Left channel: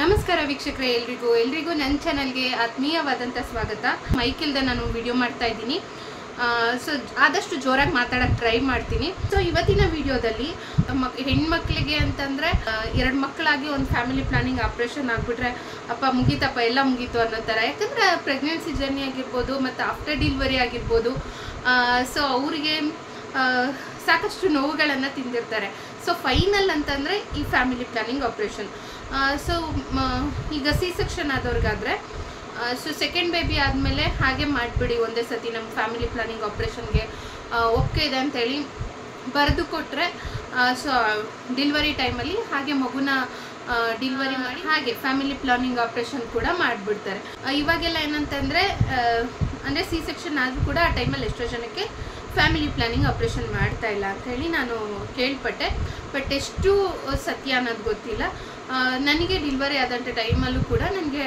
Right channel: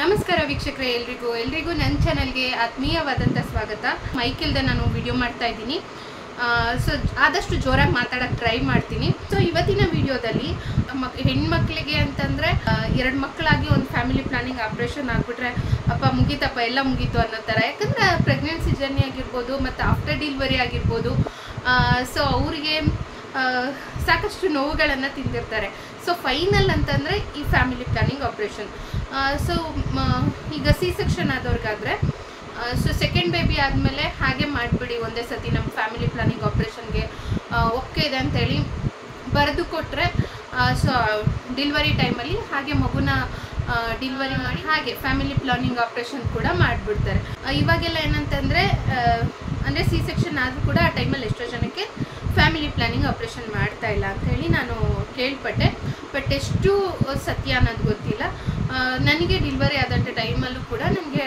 ನಮಸ್ಕಾರ ವೀಕ್ಷಕರೇ, ಎಲ್ರಿಗೂ ನನ್ನ ಚಾನಲ್ಗೆ ಆತ್ಮೀಯವಾದಂಥ ಸ್ವಾಗತ. ಮೈಕಿಲ್ದೆ ನಾನು ವಿಡಿಯೋ ಮಾಡ್ತಾ ಇದ್ದೀನಿ. ಸೊ ಆದಷ್ಟು ಜೋರಾಗಿ ಮಾತಾಡೋಕ್ಕೆ ಟ್ರೈ ಮಾಡ್ತೀನಿ. ಸೊ ಇವತ್ತಿನ ವಿಡಿಯೋದಲ್ಲಿ ಹೆಣ್ಮಕ್ಳಿಗೆ ಅಂತಂದರೆ 2 ಮಕ್ಕಳಾಗಿ ಒಂದು ಫ್ಯಾಮಿಲಿ ಪ್ಲಾನಿಂಗ್ ಆಪ್ರೇಷನ್ ಆಗಿಬಿಟ್ರೆ ಅಪ್ಪ ಮುಗೀತಪ್ಪ ಎಲ್ಲ ಮುಗೀತು ಅನ್ನೋ ಥರ. ಯಾಕಂದರೆ ಪ್ರೆಗ್ನೆನ್ಸಿ ಜರ್ನಿ ಆಗಿರ್ಬೋದು ಮತ್ತು ಆಫ್ಟರ್ ಡೆಲಿವರಿ ಆಗಿರ್ಬೋದು. ಸೊ ಅವರಿಗೆ ಸಾಕಷ್ಟು ನೋವುಗಳನ್ನು ತಿಂದಿರ್ತಾರೆ. ಸೊ ಫೈನಲ್ ಅಂತಂದರೆ ಈ ಫ್ಯಾಮಿಲಿ ಪ್ಲಾನಿಂಗ್ ಆಪ್ರೇಷನ್. ಸೊ ಈಗ ಸಿ ಸೆಕ್ಷನ್ ಆದವ್ರಿಗಾದರೆ ಸೊ ಸೆಕೆಂಡ್ ಬೇಬಿ ಆದಮೇಲೆ ಹಾಗೆ ಮಾಡಿಬಿಡಿ, ಒಂದೇ ಸತಿ ನಮ್ಮ ಫ್ಯಾಮಿಲಿ ಪ್ಲಾನಿಂಗ್ ಆಪ್ರೇಷನ್ಗೆ ಓಕೆ ಇದೆ ಅಂತೇಳಿ ಬರೆದು ಕೊಟ್ಟರೆ ಸೊ ಡೆಲಿವರಿ ಟೈಮಲ್ಲಿ ಹಾಗೆ ಮಗುನ ಡೆಲಿವರಿ ಮಾಡಿ ಹಾಗೆ ಫ್ಯಾಮಿಲಿ ಪ್ಲಾನಿಂಗ್ ಆಪ್ರೇಷನ್ ಕೂಡ ಮಾಡಿಬಿಡ್ತಾರೆ. ಇವಾಗೆಲ್ಲ ಏನಂತಂದರೆ ಅಂದರೆ ಸಿ ಸೆಕ್ಷನ್ ಆದರೂ ಕೂಡ ಆ ಟೈಮಲ್ಲಿ ಎಷ್ಟೋ ಜನಕ್ಕೆ ಫ್ಯಾಮಿಲಿ ಪ್ಲಾನಿಂಗ್ ಆಪ್ರೇಷನ್ ಮಾಡ್ತಾ ಇಲ್ಲ ಅಂತ ಹೇಳಿ ನಾನು ಕೇಳ್ಪಟ್ಟೆ. ಬಟ್ ಎಷ್ಟು ಸತ್ಯ ಅನ್ನೋದು ಗೊತ್ತಿಲ್ಲ. ನನಗೆ ಡೆಲಿವರಿ ಆದಂಥ ಟೈಮಲ್ಲೂ ಕೂಡ ನನಗೆ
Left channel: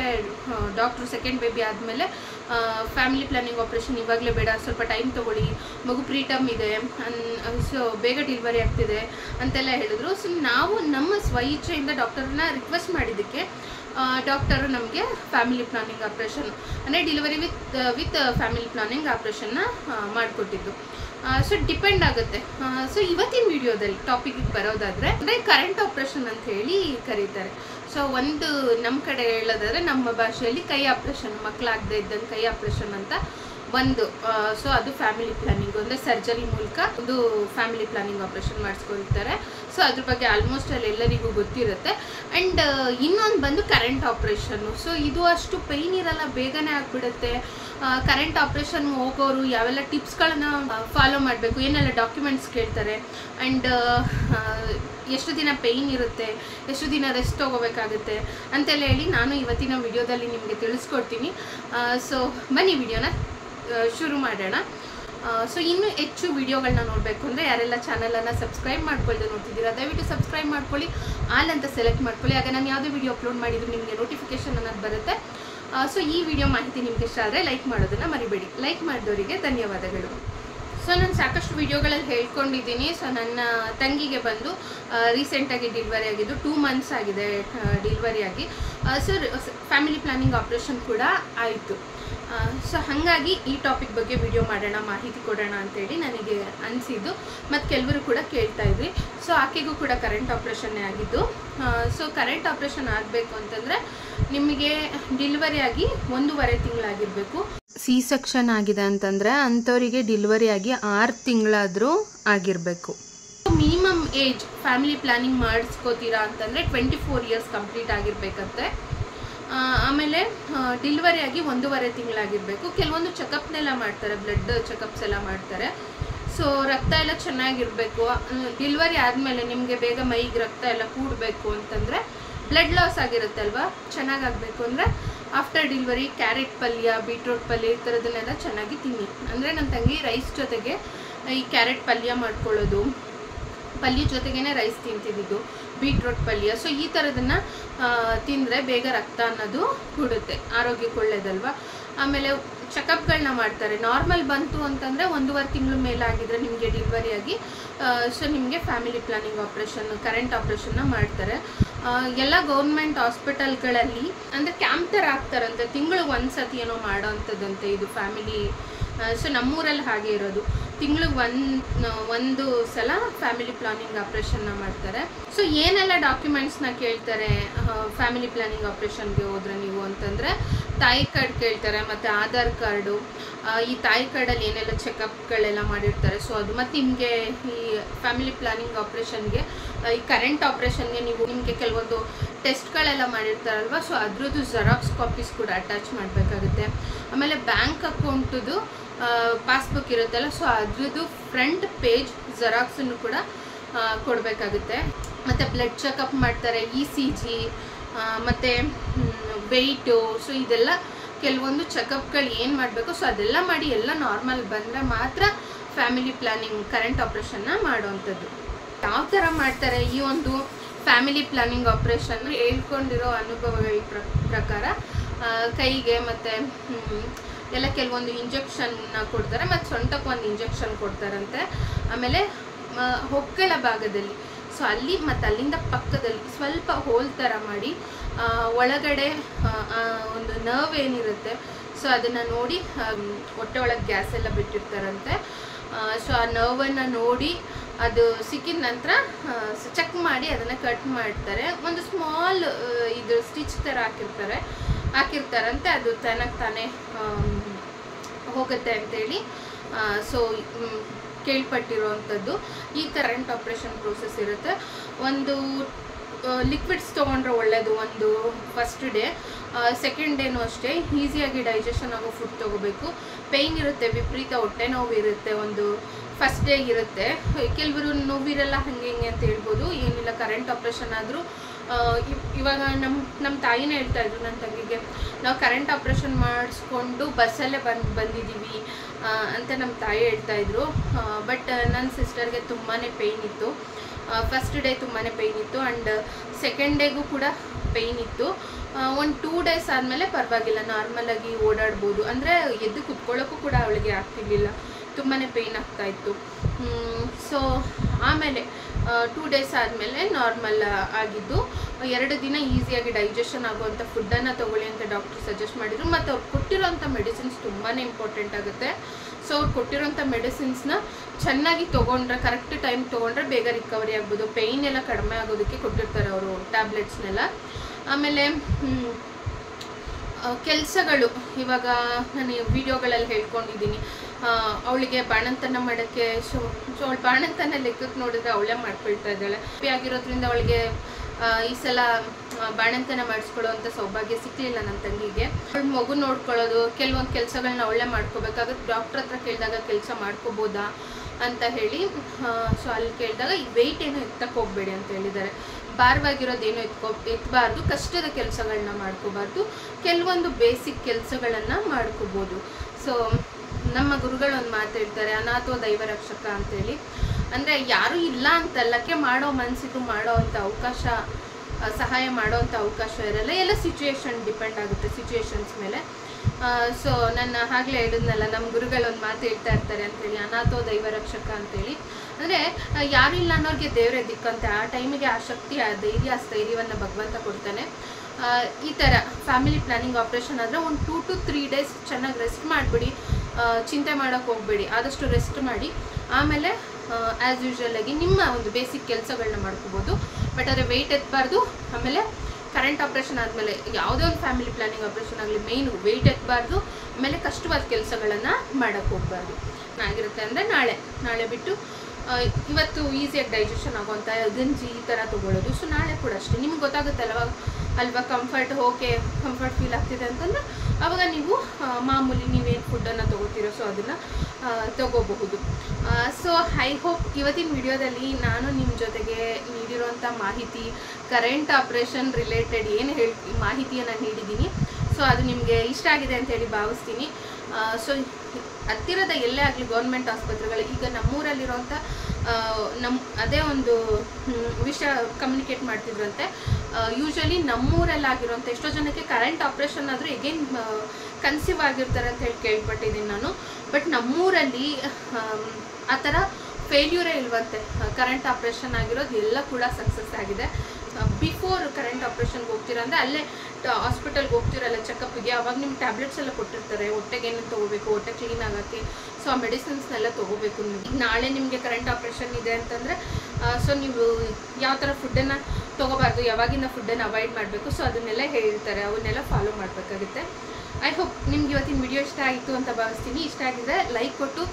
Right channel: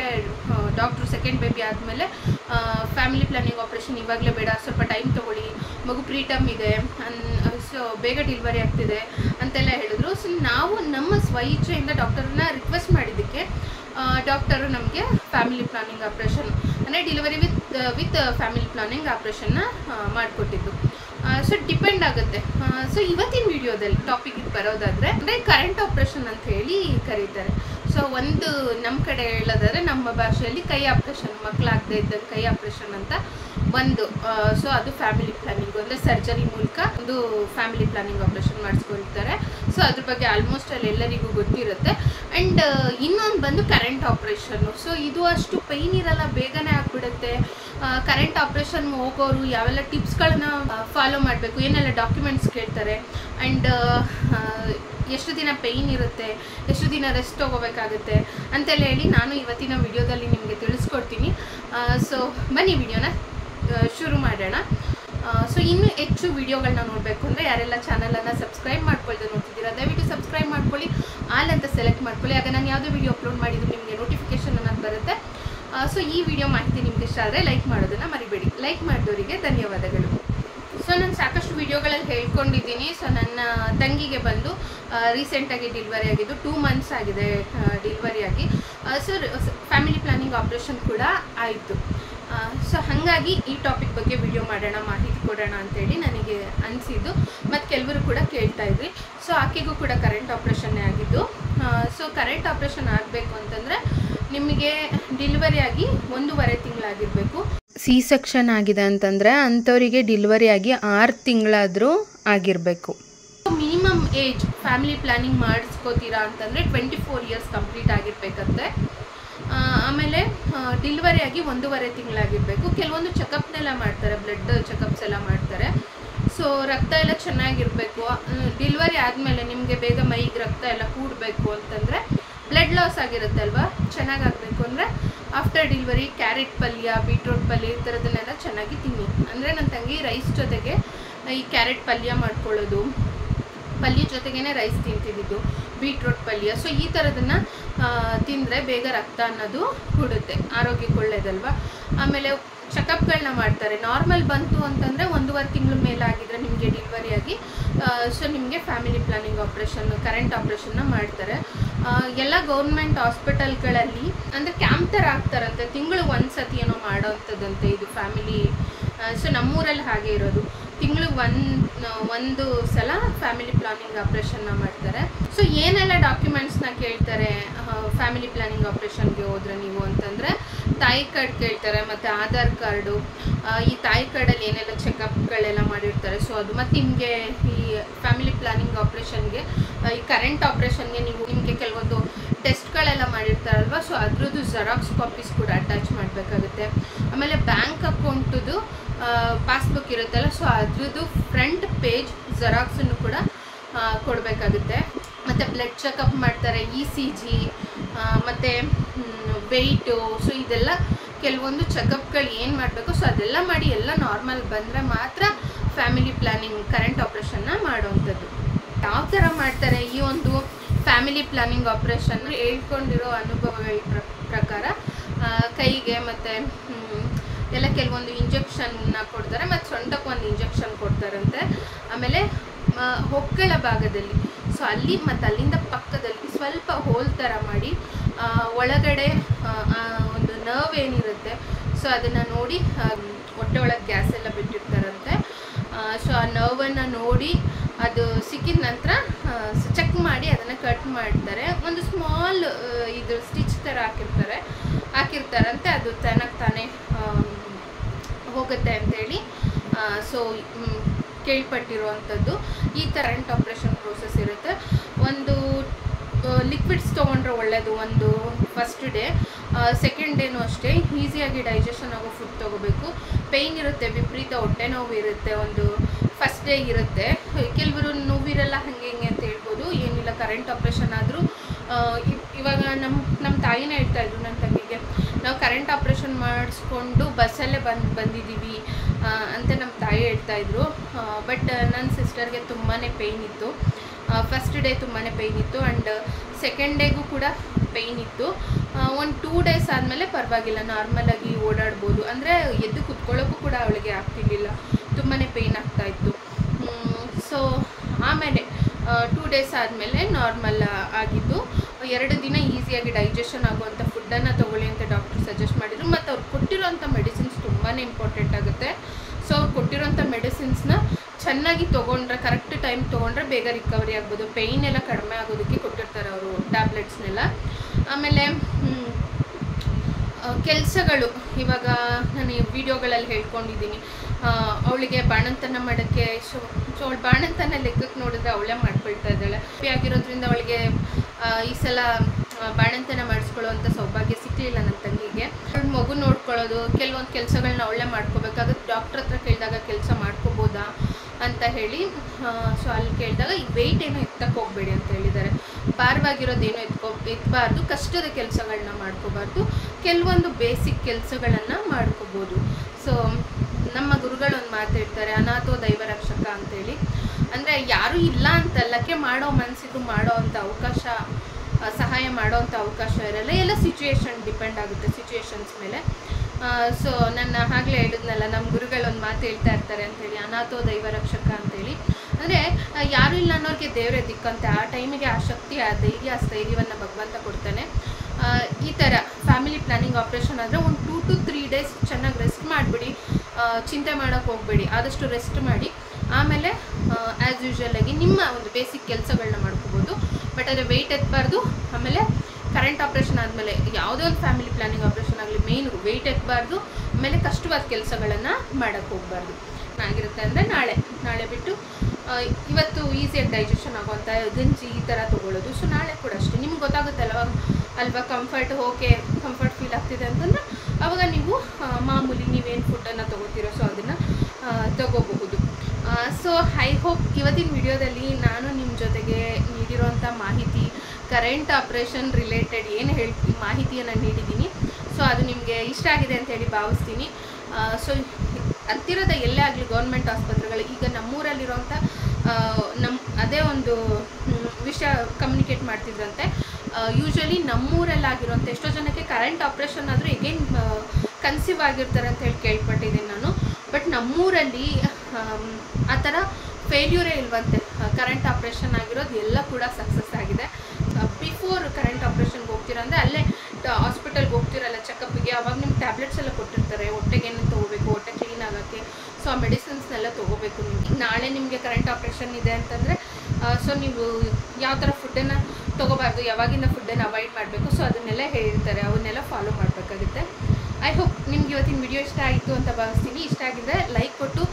ಡಾಕ್ಟ್ರು ಸೆಕೆಂಡ್ ಬೇಬಿ ಆದಮೇಲೆ ಫ್ಯಾಮಿಲಿ ಪ್ಲಾನಿಂಗ್ ಆಪ್ರೇಷನ್ ಇವಾಗಲೇ ಬೇಡ, ಸ್ವಲ್ಪ ಟೈಮ್ ತೊಗೊಳ್ಳಿ, ಮಗು ಪ್ರೀಟಮ್ ಇದೆ, ಸೊ ಬೇಗ ಡೆಲಿವರಿ ಆಗ್ತಿದೆ ಅಂತೆಲ್ಲ ಹೇಳಿದ್ರು. ಸೊ ನಾವು ನಮ್ಮ ಸ್ವಇಚ್ಛೆಯಿಂದ ಡಾಕ್ಟರನ್ನ ರಿಕ್ವೆಸ್ಟ್ ಮಾಡಿದ್ದಕ್ಕೆ ಡಾಕ್ಟರು ನಮಗೆ ಫ್ಯಾಮಿಲಿ ಪ್ಲಾನಿಂಗ್ ಆಪ್ರೇಷನ್ ಅಂದರೆ ಡೆಲಿವರಿ ವಿತ್ ಫ್ಯಾಮಿಲಿ ಪ್ಲಾನಿಂಗ್ ಆಪ್ರೇಷನ್ನ ಮಾಡಿಕೊಟ್ಟಿದ್ದು. ಸೊ ಡಿಪೆಂಡ್ ಆಗುತ್ತೆ. ಸೊ ಇವತ್ತಿನ ವಿಡಿಯೋದಲ್ಲಿ ಟಾಪಿಕ್ಗೆ ಬರೋದಾದರೆ ಅಂದರೆ ಕರೆಂಟ್ ಆಪ್ರೇಷನ್ ಅಂತ ಹೇಳಿ ಕರೀತಾರೆ. ಸೊ ಒಂದು ನಮ್ಮ ಕಡೆ ಹೇಳೋದಾದರೆ ನಮ್ಮ ಭಾಷೆಯಲ್ಲಿ ಕೈ ಆಪ್ರೇಷನ್, ಮಕ್ಕಳಾಗದೇ ಇದ್ದಂಗೆ ಕೈ ಆಪ್ರೇಷನ್ ಅಂತ ಒಂದು. ಸೊ ಅದು ಫ್ಯಾಮಿಲಿ ಪ್ಲಾನಿಂಗ್ ಅಂದರೆ ಸರ್ಜರಿ ಮೂಲಕ ಒಂದು ಫ್ಯಾಮಿಲಿ ಪ್ಲಾನಿಂಗ್ ಆಪ್ರೇಷನ್ ಮಾಡಿಸ್ಕೊಳ್ತಾರೆ. ಸೊ ಅದ್ರ ಬಗ್ಗೆ ಆಲ್ಮೋಸ್ಟ್ ಅಲ್ಲಿ ಎಲ್ಲರಿಗೂ ಗೊತ್ತಿರುತ್ತೆ. ಆ್ಯಂಡ್ ಇನ್ನೊಂದು ಬಂದು ಕರೆಂಟ್ ಆಪ್ರೇಷನ್ನು. ಸೊ ಇದು ಅಷ್ಟು ಪೈನ್ ಇರಲ್ಲ, ಬೇಗನೆ ಆಗಿಬಿಡುತ್ತೆ. ಕರೆಂಟ್ ಆಪ್ರೇಷನ್ ಹೋಗೋರು ಯಾವೆಲ್ಲ ಟಿಪ್ಸ್ಗಳನ್ನ ಫಾಲೋ ಮಾಡಬೇಕು, ಏನೆಲ್ಲ ಡಾಕ್ಯುಮೆಂಟ್ಸ್ ಕೇಳ್ತಾರೆ, ಆ್ಯಂಡ್ ಎಷ್ಟು ದಿನ ಪೇಯ್ನ್ ಇರುತ್ತೆ, ಎಷ್ಟು ದಿನ ರೆಸ್ಟ್ ತೊಗೋಬೇಕಾಗುತ್ತೆ ಅಂತೆಲ್ಲ ಹೇಳಿ ನಾನು ಇವತ್ತಿನ ವಿಡಿಯೋದಲ್ಲಿ ನಿಮಗೆ ತಿಳಿಸ್ಕೊಡ್ತೀನಿ. ಸೊ ಬನ್ನಿ ವಿಡಿಯೋನ ಶುರು ಮಾಡೋಣ. ಸೊ ಇನ್ನೂ ಹೆಚ್ಚು ವಿಡಿಯೋಗಳನ್ನ ನೋಡಬೇಕು ಅಂದರೆ ಯಾರೆಲ್ಲ ಚಾನಲನ್ನು ಸಬ್ಸ್ಕ್ರೈಬ್ ಮಾಡ್ಕೊಳ್ದೆ ನೋಡ್ತಿದ್ದೀರಾ ದಯವಿಟ್ಟು ಸಬ್ಸ್ಕ್ರೈಬ್ ಮಾಡ್ಕೊಳ್ಳಿ, ಆಲ್ ಅಂತ ಸೆಲೆಕ್ಟ್ ಮಾಡ್ಕೊಳ್ಳಿ. ಆಗ ನಾನು ಯಾವುದೇ ವಿಡಿಯೋ ಅಪ್ಲೋಡ್ ಮಾಡಿದ್ರು ನಿಮಗೆ ನೋಟಿಫಿಕೇಷನ್ ಅನ್ನೋದು ಬರುತ್ತೆ. ಸೊ ಈ ವಿಡಿಯೋ ಮಾಹಿತಿ ನಿಮ್ಗೆ ಇಷ್ಟ ಆದರೆ ಲೈಕ್ ಮಾಡೋದನ್ನು ಮರಿಬೇಡಿ. ಲೈಕ್ ಮಾಡಿದವರಿಗೆ ಧನ್ಯವಾದಗಳು. ಸೊ ನಾನು ಸಾಕಷ್ಟು ವಿಡಿಯೋಗಳಲ್ಲಿ ಹೇಳ್ಕೊಂಡಿದ್ದೀನಿ. ಸೊ ನನ್ನ ತಂಗಿಗೆ ಬಂದು ರೀಸೆಂಟಾಗಿ ಡೆಲಿವರಿ ಆಗಿದ್ದು 2 ಮಂತ್ಸ್ ಆಗಿದೆ ಡೆಲಿವರಿ ಆಗಿ. ಸೊ ಫ್ಯಾಮಿಲಿ ಪ್ಲಾನಿಂಗ್ ಆಪ್ರೇಷನ್ ಕೂಡ ಆಯಿತು. ಸೊ ಹಾಗಾಗಿ ಈ ಟಾಪಿಕ್ ಬಗ್ಗೆ ವಿಡಿಯೋ ಮಾಡೋಣ, ಮಾಹಿತಿ ಕೊಡೋಣ ಅಂತೇಳಿ ನನಗೆ ಅನಿಸಿದ್ದು. ಮತ್ತು ಕೆಲವರು ಕೂಡ ಕೇಳ್ತಾ ಇದ್ರಿ. ಸೊ ಆಕೆಗೂ ಕೂಡ ಕರೆಂಟ್ ಆಪ್ರೇಷನ್ನೇ ಆಗಿದ್ದು. ಸೊ ಕರೆಂಟ್ ಆಪ್ರೇಷನ್ ಆಗಬೇಕು ಅಂತಂದರೆ ನಿಮಗೆ ಡೆಲಿವರಿ ಆಗಿ 1.5 ತಿಂಗಳಾಗಿರಬೇಕು. ಸಿ ಸೆಕ್ಷನ್ ಆಗಿದೆ ಅಂತಂದರೆ ಅಂಥವರಿಗೆ ಡೆಲಿವರಿ ಆಗಿ 6 ತಿಂಗಳಾದರೂ ಆಗಿರಬೇಕು. ಮಿನಿಮಮ್ ಏಜ್ ಫ್ಯಾಮಿಲಿ ಪ್ಲಾನಿಂಗ್ ಮಾಡಿಸ್ಕೋತೀರಾ ಅಂತಂದರೆ 24 ಇಯರ್ಸ್ ಕಂಪ್ಲೀಟ್ ಆಗಿರಬೇಕಂತೆ. ಆಮೇಲೆ ಡೆಲಿವರಿ ಆಗಿ 1.5 ತಿಂಗಳಾಗಿರಬೇಕು. ಕೆಲವೊಂದು ಚೆಕಪ್ನೆಲ್ಲ ಮಾಡ್ತಾರೆ, ಬ್ಲಡ್ ಚೆಕಪ್ಸ್ ಎಲ್ಲ ಮಾಡ್ತಾರೆ. ಸೊ ರಕ್ತ ಎಲ್ಲ ಚೆನ್ನಾಗಿರಬೇಕು. ಡೆಲಿವರಿ ಆದಮೇಲೆ ನಿಮಗೆ ಬೇಗ ಮೈಗೆ ರಕ್ತ ಎಲ್ಲ ಕೂಡಬೇಕು ಅಂತಂದರೆ, ಬ್ಲಡ್ ಲಾಸ್ ಆಗಿರುತ್ತೆ ಅಲ್ವಾ, ಚೆನ್ನಾಗಾಗಬೇಕು ಅಂದರೆ ಆಫ್ಟರ್ ಡೆಲಿವರಿ ಕ್ಯಾರೆಟ್ ಪಲ್ಯ, ಬೀಟ್ರೋಟ್ ಪಲ್ಯ ಈ ಥರದನ್ನೆಲ್ಲ ಚೆನ್ನಾಗಿ ತಿನ್ನಿ. ಅಂದರೆ ನನ್ನ ತಂಗಿ ರೈಸ್ ಜೊತೆಗೆ ಈ ಕ್ಯಾರೆಟ್ ಪಲ್ಯ ಮಾಡ್ಕೊಳ್ಳೋದು, ಪಲ್ಯ ಜೊತೆಗೇ ರೈಸ್ ತಿಂತಿದ್ದು, ಬೀಟ್ರೋಟ್ ಪಲ್ಯ. ಸೊ ಈ ಥರದನ್ನು ತಿಂದರೆ ಬೇಗ ರಕ್ತ ಅನ್ನೋದು ಕೂಡುತ್ತೆ, ಆರೋಗ್ಯಕ್ಕೆ ಒಳ್ಳೇದಲ್ವ. ಆಮೇಲೆ ಚೆಕಪ್ಗಳನ್ನ ಮಾಡ್ತಾರೆ. ನಾರ್ಮಲ್ ಬಂತು ಅಂತಂದರೆ 1.5 ತಿಂಗಳ ಮೇಲಾಗಿದ್ದರೆ ನಿಮಗೆ ಡೆಲಿವರಿ ಆಗಿ ಸೊ ನಿಮಗೆ ಫ್ಯಾಮಿಲಿ ಪ್ಲಾನಿಂಗ್ ಆಪ್ರೇಷನ್, ಕರೆಂಟ್ ಆಪ್ರೇಷನ್ನ ಮಾಡ್ತಾರೆ. ಎಲ್ಲ ಗೌರ್ಮೆಂಟ್ ಹಾಸ್ಪಿಟಲ್ಗಳಲ್ಲಿ ಅಂದರೆ ಕ್ಯಾಂಪ್ ಥರ ಆಗ್ತಾರಂತೆ, ತಿಂಗಳಿಗೆ 1 ಸತಿ ಏನೋ ಮಾಡೋ ಅಂಥದ್ದಂತೆ ಇದು ಫ್ಯಾಮಿಲಿ. ಸೊ ನಮ್ಮೂರಲ್ಲಿ ಹಾಗೆ ಇರೋದು, ತಿಂಗಳಿಗೆ ಒಂದು ಸಲ ಫ್ಯಾಮಿಲಿ ಪ್ಲಾನಿಂಗ್ ಆಪ್ರೇಷನ್ನ ಮಾಡ್ತಾರೆ. ಸೊ ಏನೆಲ್ಲ ಡಾಕ್ಯುಮೆಂಟ್ಸ್ನ ಕೇಳ್ತಾರೆ ಫ್ಯಾಮಿಲಿ ಪ್ಲಾನಿಂಗ್ ಆಪ್ರೇಷನ್ಗೆ ಹೋದರೆ ನೀವು ಅಂತಂದರೆ, ತಾಯಿ ಕಾರ್ಡ್ ಕೇಳ್ತಾರೆ, ಮತ್ತು ಆಧಾರ್ ಕಾರ್ಡು. ಈ ತಾಯಿ ಕಾರ್ಡಲ್ಲಿ ಏನೆಲ್ಲ ಚೆಕಪ್ಗಳೆಲ್ಲ ಮಾಡಿರ್ತಾರೆ. ಸೊ ಅದು ಮತ್ತು ನಿಮಗೆ ಈ ಫ್ಯಾಮಿಲಿ ಪ್ಲಾನಿಂಗ್ ಆಪ್ರೇಷನ್ಗೆ, ಈ ಕರೆಂಟ್ ಆಪ್ರೇಷನ್ಗೆ ನಿಮಗೆ ಕೆಲವೊಂದು ಟೆಸ್ಟ್ಗಳೆಲ್ಲ ಮಾಡಿರ್ತಾರಲ್ವ, ಸೊ ಅದ್ರದ್ದು ಜೆರಾಕ್ಸ್ ಕಾಪೀಸ್ ಕೂಡ ಅಟ್ಯಾಚ್ ಮಾಡಬೇಕಾಗುತ್ತೆ. ಆಮೇಲೆ ಬ್ಯಾಂಕ್ ಅಕೌಂಟದು ಪಾಸ್ಬುಕ್ ಇರುತ್ತಲ್ಲ, ಸೊ ಅದ್ರದ್ದು ಫ್ರಂಟ್ ಪೇಜ್ ಜೆರಾಕ್ಸನ್ನು ಕೂಡ ಕೊಡಬೇಕಾಗುತ್ತೆ. ಮತ್ತು ಬ್ಲಡ್ ಚೆಕಪ್ ಮಾಡ್ತಾರೆ, ECG ಮತ್ತು ವೆಯ್ಟು. ಸೊ ಇದೆಲ್ಲ ಕೆಲವೊಂದು ಚೆಕಪ್ಗಳು ಏನು ಮಾಡಬೇಕು. ಸೊ ಅದೆಲ್ಲ ಮಾಡಿ ಎಲ್ಲ ನಾರ್ಮಲ್ ಬಂದರೆ ಮಾತ್ರ ಫ್ಯಾಮಿಲಿ ಪ್ಲಾನಿಂಗ್ ಕರೆಂಟ್ ಆಪ್ರೇಷನ್ನ ಮಾಡೋವಂಥದ್ದು. ಯಾವ ಥರ ಮಾಡ್ತಾರೆ ಈ ಒಂದು ಫ್ಯಾಮಿಲಿ ಪ್ಲಾನಿಂಗ್ ಆಪ್ರೇಷನ್ ಹೇಳ್ಕೊಂಡಿರೋ ಅನುಭವಗಳ ಪ್ರಕಾರ ಕೈಗೆ ಮತ್ತು ಎಲ್ಲ ಕೆಲವೊಂದು ಇಂಜೆಕ್ಷನ್ನ ಕೊಡ್ತಾರೆ, ಮತ್ತು ಸೊಂಟಕ್ಕೆ ಒಂದು ಇಂಜೆಕ್ಷನ್ ಕೊಡ್ತಾರಂತೆ. ಆಮೇಲೆ ಹೊಕ್ಕಳ ಭಾಗದಲ್ಲಿ, ಸೊ ಅಲ್ಲಿ ಮತ್ತು ಅಲ್ಲಿಂದ ಪಕ್ಕದಲ್ಲಿ ಸ್ವಲ್ಪ ಹೋಲ್ ಥರ ಮಾಡಿ ಒಳಗಡೆ ಒಂದು ನರ್ವ್ ಏನಿರುತ್ತೆ ಸೊ ಅದನ್ನು ನೋಡಿ ಹೊಟ್ಟೆ ಒಳಗೆ ಗ್ಯಾಸ್ ಎಲ್ಲ ಬಿಟ್ಟಿರ್ತಾರಂತೆ. ಸೊ ಆ ನರ್ವನ್ನು ನೋಡಿ ಅದು ಸಿಕ್ಕಿದ ನಂತರ ಚೆಕ್ ಮಾಡಿ ಅದನ್ನು ಕಟ್ ಮಾಡ್ತಾರೆ. ಒಂದು ಸ್ಮಾಲ್ ಇದು ಸ್ಟಿಚ್ ಥರ ಹಾಕಿರ್ತಾರಂತೆ. ಅದು ತಾನೇ ಹೋಗುತ್ತೆ ಅಂತೇಳಿ ಸೊ ಕೇಳ್ಪಟ್ಟಿರುವಂಥದ್ದು. ಈ ಕರೆಂಟ್ ಆಪ್ರೇಷನ್ ಪ್ರೋಸೆಸ್ ಇರುತ್ತೆ. ಒಂದು ಲಿಕ್ವಿಡ್ಸ್ ತೊಗೊಂಡ್ರೆ ಒಳ್ಳೆಯದು ಒಂದು ಫಸ್ಟ್ ಡೇ. ಸೆಕೆಂಡ್ ಡೇನೂ ಅಷ್ಟೇ ಈಸಿಯಾಗಿ ಡೈಜೆಷನ್ ಆಗೋ ಫುಡ್ ತೊಗೋಬೇಕು. ಪೇಯ್ನ್ ಇರುತ್ತೆ, ವಿಪರೀತ ಹೊಟ್ಟೆ ನೋವು ಇರುತ್ತೆ, ಒಂದು ಫಸ್ಟ್ ಡೇ ಇರುತ್ತೆ. ಕೆಲವರು ನೋವಿರಲ್ಲ ಹಾಗೆ ಹಿಂಗೆ ಅಂತ ಹೇಳ್ಬೋದು. ಏನಿಲ್ಲ, ಕರೆಂಟ್ ಆಪ್ರೇಷನ್ ಆದರೂ ಇವಾಗ ನಮ್ಮ ತಾಯಿನೇ ಹೇಳ್ತಾಯಿದ್ರು ನನ್ನ ತಂಗಿಗೆ, ನಾವು ಕರೆಂಟ್ ಆಪ್ರೇಷನ್ ಮಾಡಿಸ್ಕೊಂಡು ಬಸ್ಸಲ್ಲೇ ಬಂದಿದ್ದೀವಿ ಅಂತ ನಮ್ಮ ತಾಯಿ ಹೇಳ್ತಾಯಿದ್ರು. ಬಟ್ ನನ್ನ ಸಿಸ್ಟರ್ಗೆ ತುಂಬಾ ಪೇಯ್ನ್ ಇತ್ತು. ಫಸ್ಟ್ ಡೇ ತುಂಬಾ ಪೇಯ್ನ್ ಇತ್ತು ಆ್ಯಂಡ್ ಸೆಕೆಂಡ್ ಡೇಗೂ ಕೂಡ ಪೇಯ್ನ್ ಇತ್ತು. ಒಂದು 2 ಡೇಸ್ ಆದಮೇಲೆ ಪರವಾಗಿಲ್ಲ, ನಾರ್ಮಲಾಗಿ ಓಡಾಡ್ಬೋದು. ಅಂದರೆ ಎದ್ದು ಕುತ್ಕೊಳ್ಳೋಕ್ಕೂ ಕೂಡ ಅವಳಿಗೆ ಆಗ್ತಿರ್ಲಿಲ್ಲ, ತುಂಬಾ ಪೇಯ್ನ್ ಆಗ್ತಾಯಿತ್ತು. ಸೊ ಆಮೇಲೆ 2 ಡೇಸ್ ಆದಮೇಲೆ ನಾರ್ಮಲ್ ಆಗಿದ್ದು. 2 ದಿನ ಈಸಿಯಾಗಿ ಡೈಜೆಷನ್ ಆಗುವಂಥ ಫುಡ್ಡನ್ನು ತೊಗೊಳ್ಳಿ ಅಂತ ಡಾಕ್ಟರ್ ಸಜೆಸ್ಟ್ ಮಾಡಿದರು. ಮತ್ತು ಅವ್ರು ಕೊಟ್ಟಿರೋಂಥ ಮೆಡಿಸಿನ್ಸ್ ತುಂಬಾ ಇಂಪಾರ್ಟೆಂಟ್ ಆಗುತ್ತೆ. ಸೊ ಅವ್ರು ಕೊಟ್ಟಿರೋಂಥ ಮೆಡಿಸಿನ್ಸ್ನ ಚೆನ್ನಾಗಿ ತೊಗೊಂಡ್ರೆ, ಕರೆಕ್ಟ್ ಟೈಮ್ ತೊಗೊಂಡ್ರೆ ಬೇಗ ರಿಕವರಿ ಆಗ್ಬೋದು. ಪೇಯ್ನ್ ಎಲ್ಲ ಕಡಿಮೆ ಆಗೋದಕ್ಕೆ ಕೊಟ್ಟಿರ್ತಾರೆ ಅವರು ಟ್ಯಾಬ್ಲೆಟ್ಸ್ನೆಲ್ಲ. ಆಮೇಲೆ ಕೆಲಸಗಳು ಇವಾಗ ನಾನು ವಿಡಿಯೋಗಳಲ್ಲಿ ಹೇಳ್ಕೊಂಡಿದ್ದೀನಿ. ಅವಳಿಗೆ ಬಾಣಂತನ ಮಾಡೋಕ್ಕೆ ಸೊ ಅವಳು ಬಾಣಂತನ ಲೆಕ್ಕಕ್ಕೆ ನೋಡಿದ್ರೆ ಅವಳೇ ಮಾಡ್ಕೊಳ್ತಾ ಇದ್ದಾಳೆ. ಹ್ಯಾಪಿ ಆಗಿರೋದ್ರಿಂದ ಅವಳಿಗೆ ಈ ಸಲ ಬಾಣಂತನ ಮಾಡಿಸ್ಕೊಳ್ಳೋವಂಥ ಸೌಭಾಗ್ಯ ಸಿಕ್ಕಲಿಲ್ಲ ನಮ್ಮ ತಂಗಿಗೆ. ಅವಳು ಮಗು ನೋಡ್ಕೊಳ್ಳೋದು, ಕೆಲವೊಂದು ಕೆಲಸಗಳನ್ನ ಅವಳೇ ಮಾಡ್ಕೋಬೇಕಾಗುತ್ತೆ. ಡಾಕ್ಟ್ರ್ ಹತ್ರ ಕೇಳಿದಾಗ ಕೆಲಸ ಮಾಡ್ಕೋಬೋದಾ ಅಂತ ಹೇಳಿ ಸೊ ಅಲ್ಲಿ ಕೇಳಿದಾಗ ಈ ವೆಯ್ಟ್ ಏನೋ ಎತ್ತಕ್ಕೆ ಹೋಗಬೇಡಿ ಅಂತ ಹೇಳಿದ್ದಾರೆ. ಭಾರವಾಗಿರೋದೇನೋ ಎತ್ತಬಾರ್ದು, ಕಷ್ಟದ ಕೆಲಸಗಳನ್ನ ಮಾಡ್ಕೋಬಾರ್ದು, ಕೆಲವೊಂದು ಬೇಸಿಕ್ ಕೆಲಸಗಳನ್ನು ಮಾಡ್ಕೋಬೋದು. ಸೊ ನಮ್ಮ ಗುರುಗಳು ಒಂದು ಮಾತಾಡ್ತಾರೆ, ಅನಾಥೋ ದೈವ ರಕ್ಷಕ ಅಂತೇಳಿ. ಅಂದರೆ ಯಾರೂ ಇಲ್ಲ ಅಂತಲ್ಲಕ್ಕೆ ಮಾಡೋ ಮನಸ್ಸಿದ್ದು ಮಾಡೋ ಅಂಥ ಅವಕಾಶ, ಸಹಾಯ ಮಾಡೋ ಅಂಥ ಅವಕಾಶ ಇರಲ್ಲ. ಎಲ್ಲ ಸಿಚುವೇಶನ್ ಡಿಪೆಂಡ್ ಆಗುತ್ತೆ, ಸಿಚುವೇಶನ್ಸ್ ಮೇಲೆ. ಸೊ ನನ್ನ ಆಗಲೇ ಹೇಳಿದ್ನಲ್ಲ, ನಮ್ಮ ಗುರುಗಳು ಒಂದು ಮಾತು ಹೇಳ್ತಾ ಇರ್ತಾರೆ ಅಂಥೇಳಿ, ಅನಾಥೋ ದೈವ ರಕ್ಷಕ ಅಂತೇಳಿ. ಅಂದರೆ ಯಾರೂ ಇಲ್ಲ ಅನ್ನೋರಿಗೆ ದೇವರೇ ದಿಕ್ಕಂತೆ. ಆ ಟೈಮಿಗೆ ಆ ಶಕ್ತಿ, ಆ ಧೈರ್ಯ, ಆ ಸ್ಥೈರ್ಯವನ್ನು ಭಗವಂತ ಕೊಡ್ತಾನೆ. ಈ ಥರ ಫ್ಯಾಮಿಲಿ ಪ್ಲ್ಯಾನಿಂಗ್ ಆಪ್ರೇಷನ್ ಆದರೆ ಒಂದು 2 to 3 ಡೇಸ್ ಚೆನ್ನಾಗಿ ರೆಸ್ಟ್ ಮಾಡಿಬಿಡಿ. ಚಿಂತೆ ಮಾಡೋಕ್ಕೆ ಹೋಗಬೇಡಿ, ಆದಷ್ಟು ರೆಸ್ಟ್ ಮಾಡಿ. ಆಮೇಲೆ ಆ್ಯಸ್ ಯೂಶ್ವಲಾಗಿ ನಿಮ್ಮ ಒಂದು ಬೇಸಿಕ್ ಕೆಲಸಗಳನ್ನ ಮಾಡ್ಕೋಬೋದು. ಬಟ್ ಆದರೆ ವೆಯ್ಟ್ ಎತ್ತಬಾರ್ದು. ಆಮೇಲೆ ಕರೆಂಟ್ ಆಪ್ರೇಷನ್ ಆದಮೇಲೆ ಯಾವುದೇ ಒಂದು ಫ್ಯಾಮಿಲಿ ಪ್ಲ್ಯಾನಿಂಗ್ ಆಪ್ರೇಷನ್ ಆಗಲಿ ಮೇಯ್ನು ವೆಯ್ಟ್ ಎತ್ತಬಾರ್ದು. ಆಮೇಲೆ ಕಷ್ಟವಾದ ಕೆಲಸಗಳನ್ನು ಮಾಡೋಕ್ಕೆ ಹೋಗಬಾರ್ದು. ಆಗಿರುತ್ತೆ ಅಂದರೆ ನಾಳೆ ಬಿಟ್ಟು ಇವತ್ತು ಈಸಿಯಾಗಿ ಡೈಜೆಷನ್ ಆಗುವಂಥ ಗಂಜಿ ಈ ಥರ ತೊಗೊಳ್ಳೋದು. ಸೊ ನಾಳೆ ಕೂಡ ಅಷ್ಟೇ ನಿಮ್ಗೆ ಗೊತ್ತಾಗುತ್ತಲ್ವ ಕಂಫರ್ಟ್, ಓಕೆ ಕಂಫರ್ಟ್ ಫೀಲ್ ಆಗ್ತಿದೆ ಅಂತಂದರೆ ಆವಾಗ ನೀವು ಮಾಮೂಲಿ ನೀವೇನು ಫುಡ್ಡನ್ನು ತೊಗೋತೀರೋ ಸೊ ಅದನ್ನು ತೊಗೋಬಹುದು. ಸೊ ಐ ಹೋಪ್ ಇವತ್ತಿನ ವಿಡಿಯೋದಲ್ಲಿ ನಾನು ನಿಮ್ಮ ಜೊತೆಗೆ ನೀಡಿರೋಂಥ ಮಾಹಿತಿ, ಕರೆಂಟ್ ಆಪ್ರೇಷನ್ ರಿಲೇಟೆಡ್ ಏನು ಮಾಹಿತಿಯನ್ನು ನೀಡಿದ್ದೀನಿ. ಸೊ ಅದು ನಿಮಗೆ ಇಷ್ಟ ಆಗಿದೆ ಅಂತೇಳಿ ಭಾವಿಸ್ತೀನಿ. ಸೊ ಹತ್ತಿರದ ಎಲ್ಲೇ ಆಗಲಿ ಗೌರ್ಮೆಂಟ್ ಆಸ್ಪತ್ರೆಗಳು, ಈಗ ನಮ್ಮೂರಲ್ಲಿರೋಂಥ ಅದೇ ಒಂದು ವಿಷಯ ಕಮ್ಯುನಿಕೇಟ್ ಮಾಡ್ತಿದ್ರಂತೆ. ಯೂಶ್ವಲಿ ನಮ್ಮೂರಲ್ಲಾಗಿರೋಂಥ ಎಷ್ಟೋ ಜನಕ್ಕೆ ಕರೆಂಟ್ ಆಪ್ರೇಷನ್ ಆದರೂ ಎಗೇನ್ ಕನ್ಸೀವ್ ಆಗಿರ್ತಾರೆ ಅಂತ ಹೇಳಿ ಕೇಳ್ಪಟ್ಟಿದ್ದೀನಿ ನಾನು. ಬಟ್ ನಮ್ಮೂರಲ್ಲಿ ಆ ಥರ ಫೇಲ್ಯೂರೇ ಇಲ್ವಂತೆ. ಕರೆಂಟ್ ಆಪ್ರೇಷನ್ ಆಗಿರೋದು ಎಲ್ಲ ಕೂಡ ಸಕ್ಸಸ್ ಆಗಿದೆ. ಬಿಫೋರ್ ಕರೆಂಟ್ ಆಪ್ರೇಷನ್ಗೆ ಹೋಗ್ತೀರ ಅಂದರೆ ಅಲ್ಲೇ ಹಾಸ್ಪಿಟಲ್ಗೆ ಹೋಗ್ತಿರಲ್ಲ ಚೆಕಪ್ಗೆ, ಅವಾಗ ನಿಮ್ಮ ಟ್ಯಾಬ್ಲೆಟ್ಸ್ ಎಲ್ಲ ಕೊಟ್ಟಿರ್ತಾರೆ. ಹೊಟ್ಟೆಗೆ ಏನೇನು ತೊಗೋಬೇಕು, ಹೊಟ್ಟೆ ಕ್ಲೀನ್ ಆಗೋಕ್ಕೆ. ಸೊ ಆ ಮೆಡಿಸಿನ್ಸ್ನೆಲ್ಲ ತೊಗೋಬೇಕು ನೀವು. ನಾಳೆ ನಿಮಗೆ ಕರೆಂಟ್ ಆಪ್ರೇಷನ್ ಇದೆ ಅಂತಂದರೆ ಸೊ ನೀವು ಯಾವ ಥರ ಫುಡ್ಡನ್ನು ತೊಗೋಬಾರ್ದು, ಯಾವಾಗಿನ ಫುಡ್ಡನ್ನು ಅವಾಯ್ಡ್ ಮಾಡಬೇಕು, ಸೊ ಅದನ್ನೆಲ್ಲ ಹೇಳಿರ್ತಾರೆ. ಅವನ್ನೆಲ್ಲ ಫಾಲೋ ಮಾಡಬೇಕಾಗುತ್ತೆ. ಐ ಹೋಪ್ ನಿಮ್ಗೆ ಇವತ್ತಿನ ವಿಡಿಯೋ ಇಷ್ಟ ಆಯಿತು ಅಂತ ಭಾವಿಸ್ತೀನಿ. ಇಷ್ಟ ಆಗಿದ್ದರೆ ಲೈಕ್ ಕೊಟ್ಟು,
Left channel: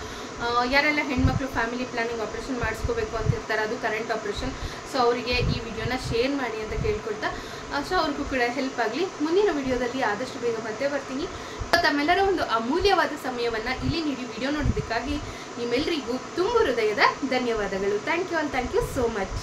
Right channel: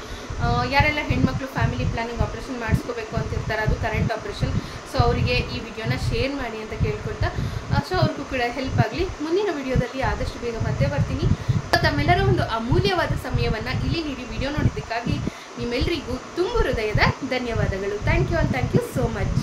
ಯಾರೆಲ್ಲ ಹೆಣ್ಮಕ್ಳು ಫ್ಯಾಮಿಲಿ ಪ್ಲ್ಯಾನಿಂಗ್ ಆಪ್ರೇಷನ್ ಮಾಡಿಸ್ಕೋಬೇಕು ಅಂತಿರ್ತಾರೆ, ಅದು ಕರೆಂಟ್ ಆಪ್ರೇಷನ್, ಸೊ ಅವರಿಗೆ ಈ ವಿಡಿಯೋನ ಶೇರ್ ಮಾಡಿ ಅಂತ ಕೇಳ್ಕೊಳ್ತಾ, ಸೊ ಅವ್ರಿಗೂ ಕೂಡ ಹೆಲ್ಪ್ ಆಗಲಿ. ಮುಂದಿನ ವಿಡಿಯೋದಲ್ಲಿ ಆದಷ್ಟು ಬೇಗ ಮತ್ತೆ ಬರ್ತೀನಿ. ತಮ್ಮೆಲ್ಲರ ಒಂದು ಅಮೂಲ್ಯವಾದ ಸಮಯವನ್ನು ಇಲ್ಲಿ ನೀಡಿ ವಿಡಿಯೋ ನೋಡಿದ್ದಕ್ಕಾಗಿ ನಿಮ್ಮೆಲ್ಲರಿಗೂ ತುಂಬ ಹೃದಯದ ಧನ್ಯವಾದಗಳು. Thank you so much.